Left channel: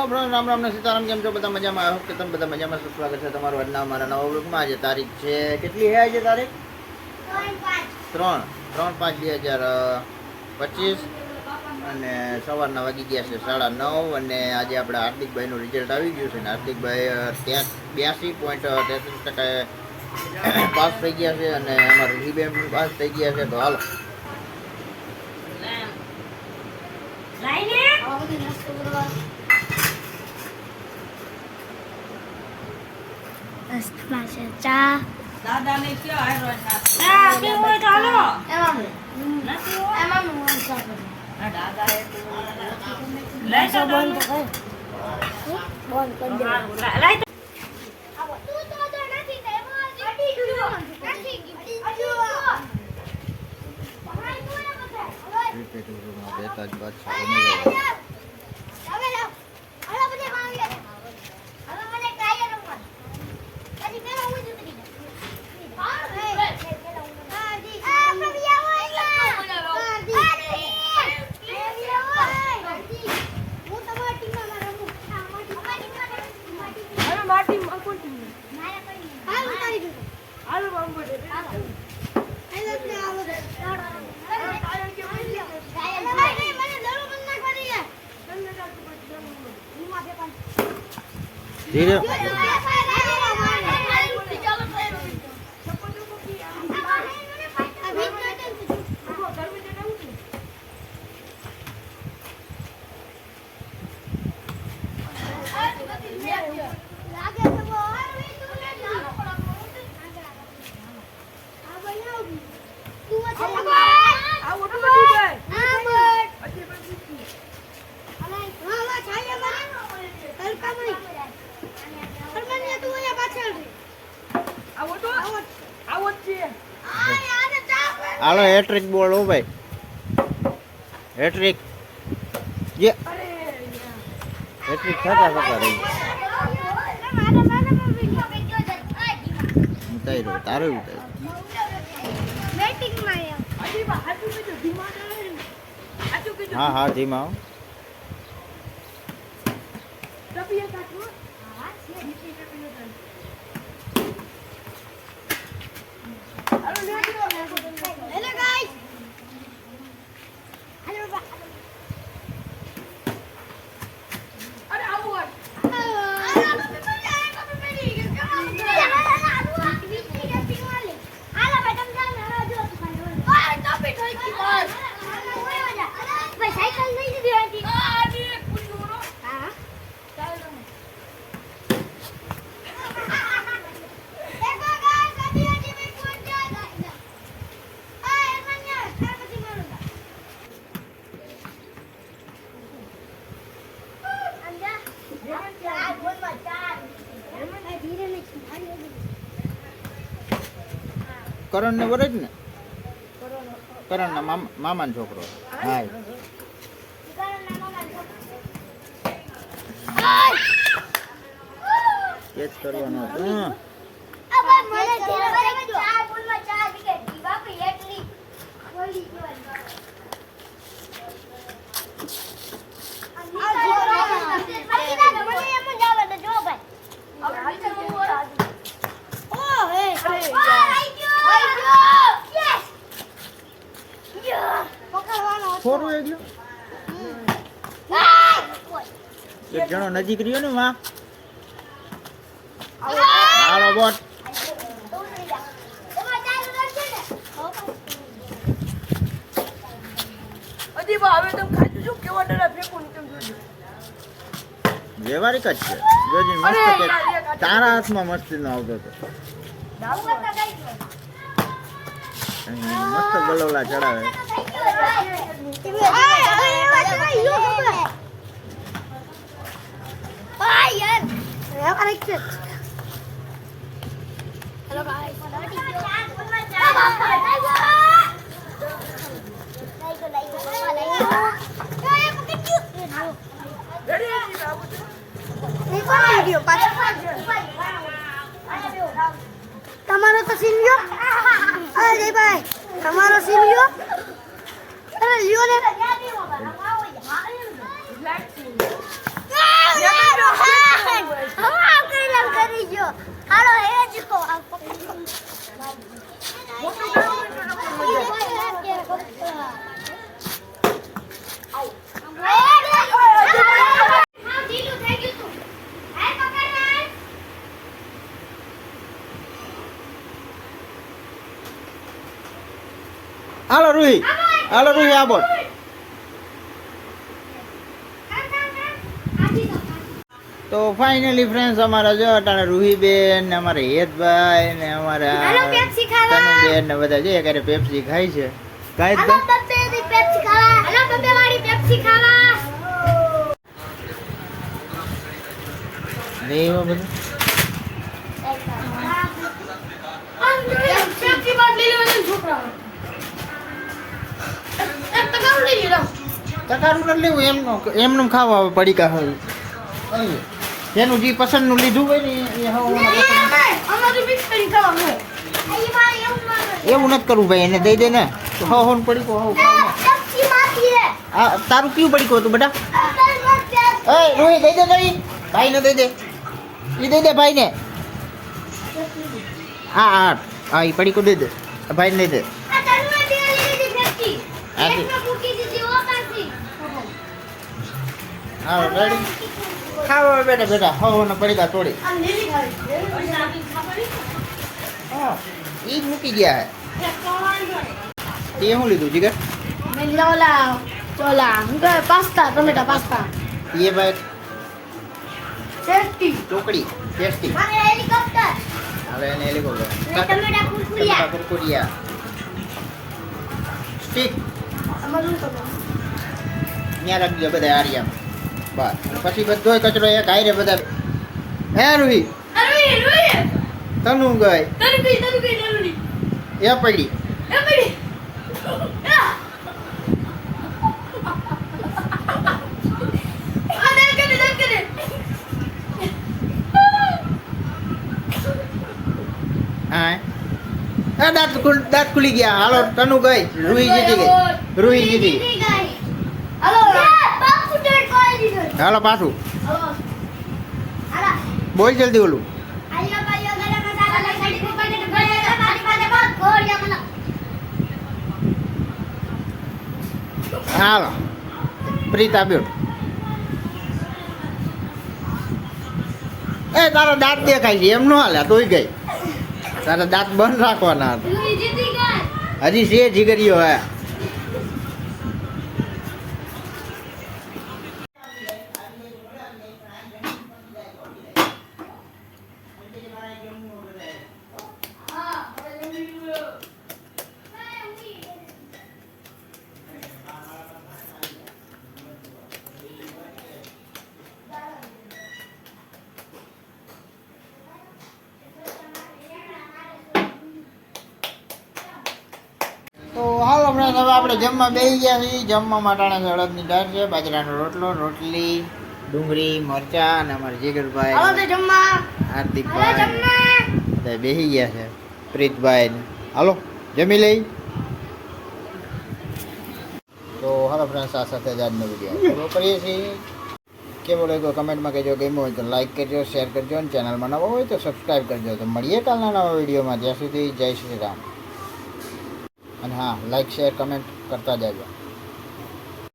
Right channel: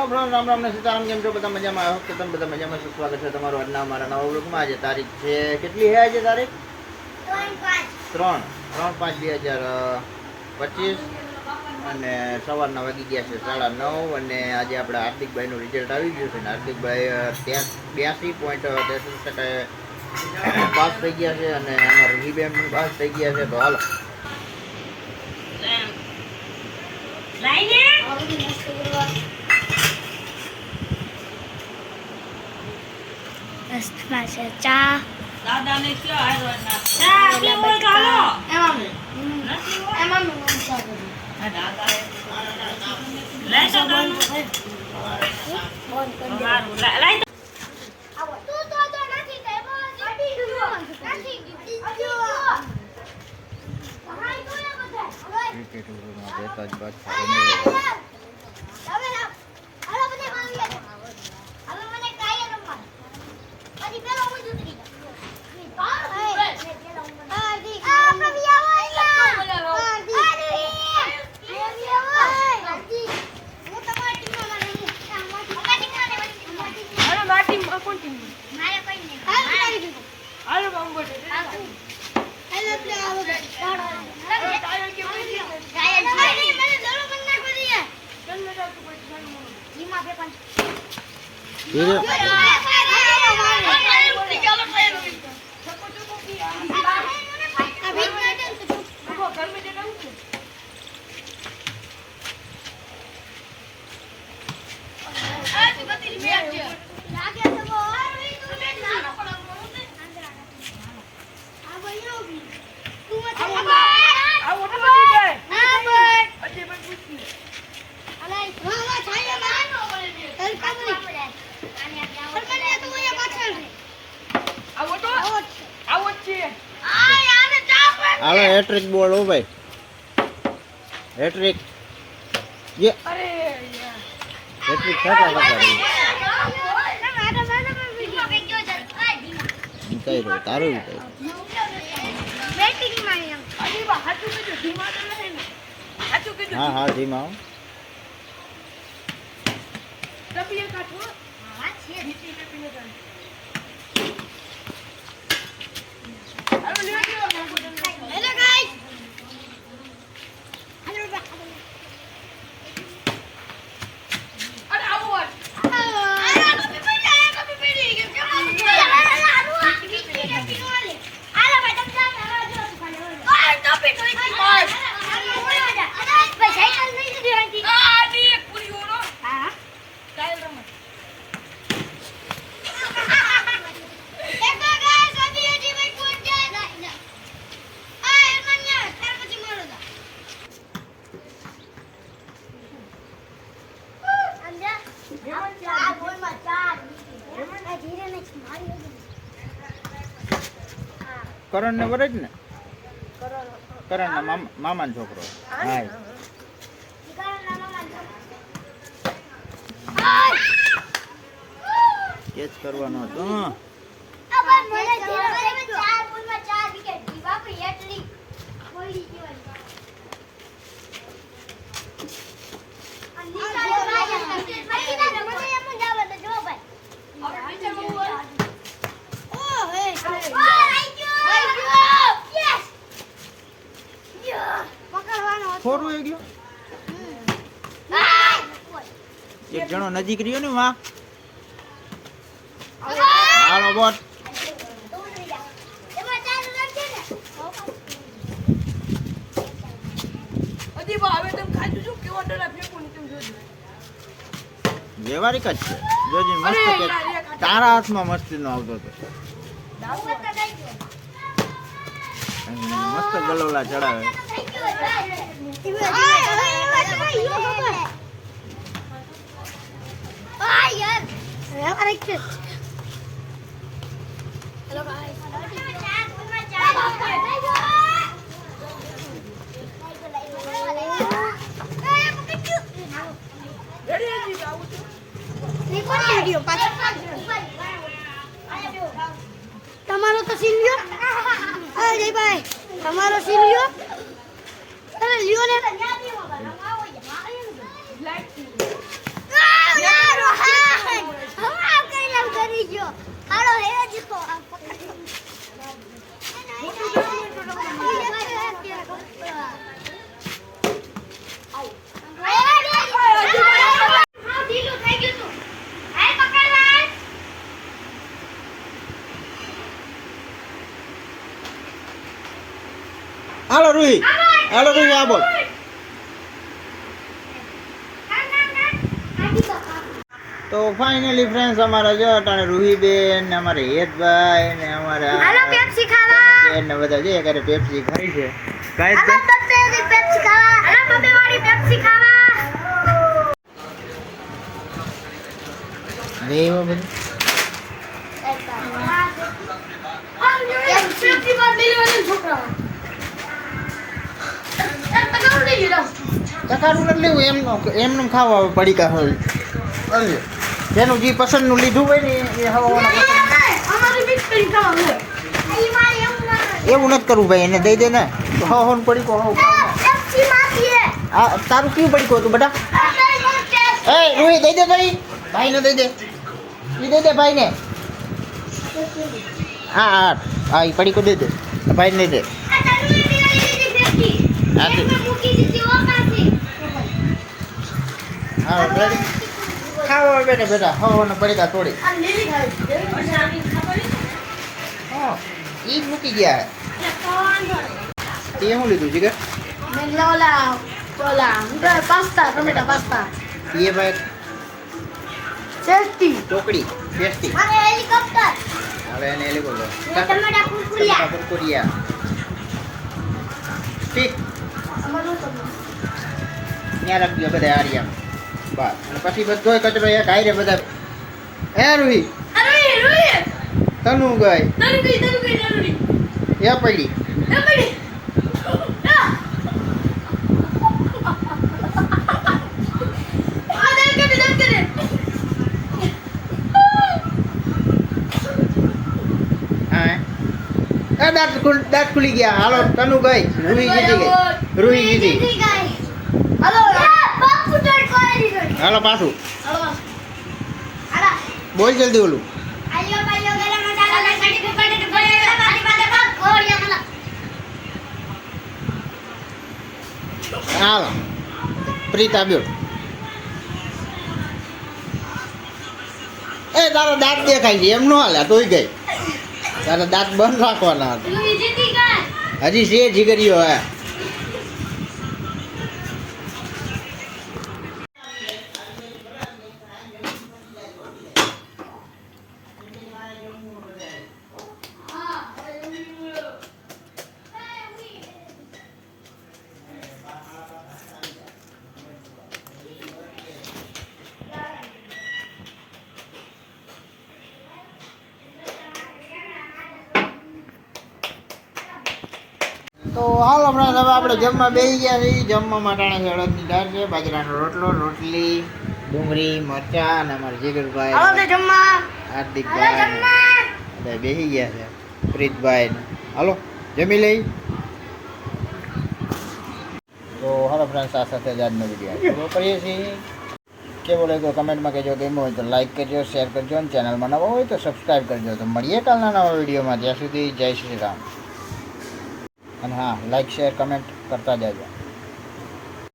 Hello friend, Ram Ram ને સીતારામ. કેમ છો બધા? મજામાં? આઈ હોપ કે તમે બધા મજામાં છો. સ્વાગત છે તમારું આજના અમારા નવા વ્લોગમાં. આજે તારીખ છે કેટલી છે? આજે તારીખ 3/5/2025 અને સવારના વાગી ગયા છે 9:30 અને આજે આપણે હાર્દિકભાઈનું રિઝલ્ટ આવી ગયું છે ને હાર્દિકભાઈ 82.33% પાસ થઈ ગયા છે અને અમારા રીબેન પણ પાસ થઈ ગયા છે. તો હાલો ચા દાદાને હાલો હેટ્રિક બોલ. હો ભાઈ, હેટ્રિક જે હેટ્રિક થતા રહી ઉતારી રહ્યો તારું ઉતારી. હા હા ધીમા આવો. કરણ ને વરજ ને કરણ ના મામાનો છોકરો. હા કેચ કરવાનો હતો. ખોરું એક ગયો એક જણો નજીક રહ્યો ને માં. હાલો બોટ. વ્યવહારિક જ છે. જોજી મસ્ત કે તારા હાથમાં મસ્તી નો આવતો હતો. મસ્ત ગલોલા ચડાવે. Hello guys. તમારો તો સીન લ્યો. અરે ભાઈ તમારો સીન લ્યો. અરે લ્યો ને. રૂહી હાલો રૂહી આ બોલ. તો ફાઇનલી ફ્રેન્ડ્સ અમારા જો અટાણે રૂહીબેન ને અમારે હેતભાઈ ને અમારા હાલો પેપ્સી ખાવા. તનુબેન ને બધા જે કરે પેપ્સી ખાય છે. કાંઈ જ હાલો બબ્બે પેપ્સી ખાવા. હાલો બબ્બે વાળી પેપ્સી ખાવા. લેવા બધું પેપ્સી માં ડિલિવરી છોકરા. એક ટકાઉ લઈ લો. તકારું નથી લેવું એમનું ખાવા આવે પડીકા હોય જેનું જે પસંદનું લીધું હોય ને એ હવાના પસંદ અમારી મિક્સ કરી ખાવા હોય. એવું નથી કરવું ભાઈ એને દઈ દે ને તો હવાનું પડીકો હવ ખાવ પેપ્સી માંથી હે. આ તારું કયું પડીકો હતું બેટા એ રૂહી દઈ દે ભાઈ ભાઈને દઈ દે એ દઈ દે ભાઈને હા હા હા એ પડીકો દઈ દે ભાઈને દઈ દે હા દે હા રેડી ખાવા બેટા બેટા હવાના પડીકા તોડી હા એ જ મૂકી ગયા એ શું લીધું જીગર પાસ્તા ટમેટા પાસ્તા એ ભાઈ ટેસ્ટી ચોકડી ટેસ્ટી અને હેલિકોપ્ટર હવે એને હેલિકોપ્ટર ટમેટા કુરકુરિયા કુરકુરિયા સ્ટીક ત્યાં રાખજો બધા આરિયામાં બસ અને પછી બધો કચરો એક હારે બધા હે રૂહી તનુ ગઈ એ પડી હા એ દાંત ખુલી ગયા હાલો તનુ ગઈ રૂહી જીતી ગઈ રૂહી જીતી હાલો પાછું બોલ જલ્દી ઓલું હાલો પ્રીત આવ્યો એ તારો દાંત દેખાય છે એમ ન હાલે તોય ગઈ તારા દાંત બંધ રાખવાના હતા હજી છે જીગરીઓ હે તો હાલો હમણાં હવે આપણે જમવા બેસી ગયા છીએ જમવા માટાણા છે અડદની દાળ છે બાજરાનો રોટલો રોટલી ડુંગળી મરચા અને અમારા જીગરભાઈ હાર્દિકભાઈ બધા બેસી ગયા છે પ્રીતભાઈ હાલો જમી લઈ તો હાલો ફ્રેન્ડ્સ આ સાથે જ આજનો વિડીયો પૂરો કરીએ છીએ કેવો લાગ્યો કમેન્ટમાં કહેજો ગમ્યો હોય તો લાઈક કરજો શેર કરજો અને ચેનલમાં નવા હોય તો સબસ્ક્રાઈબ કરજો તો મળીએ કાલના નવા વિડીયોમાં ત્યાં સુધી જય શ્રી રામ અને હા લાઈક શેર કમેન્ટ કરતા જાજો.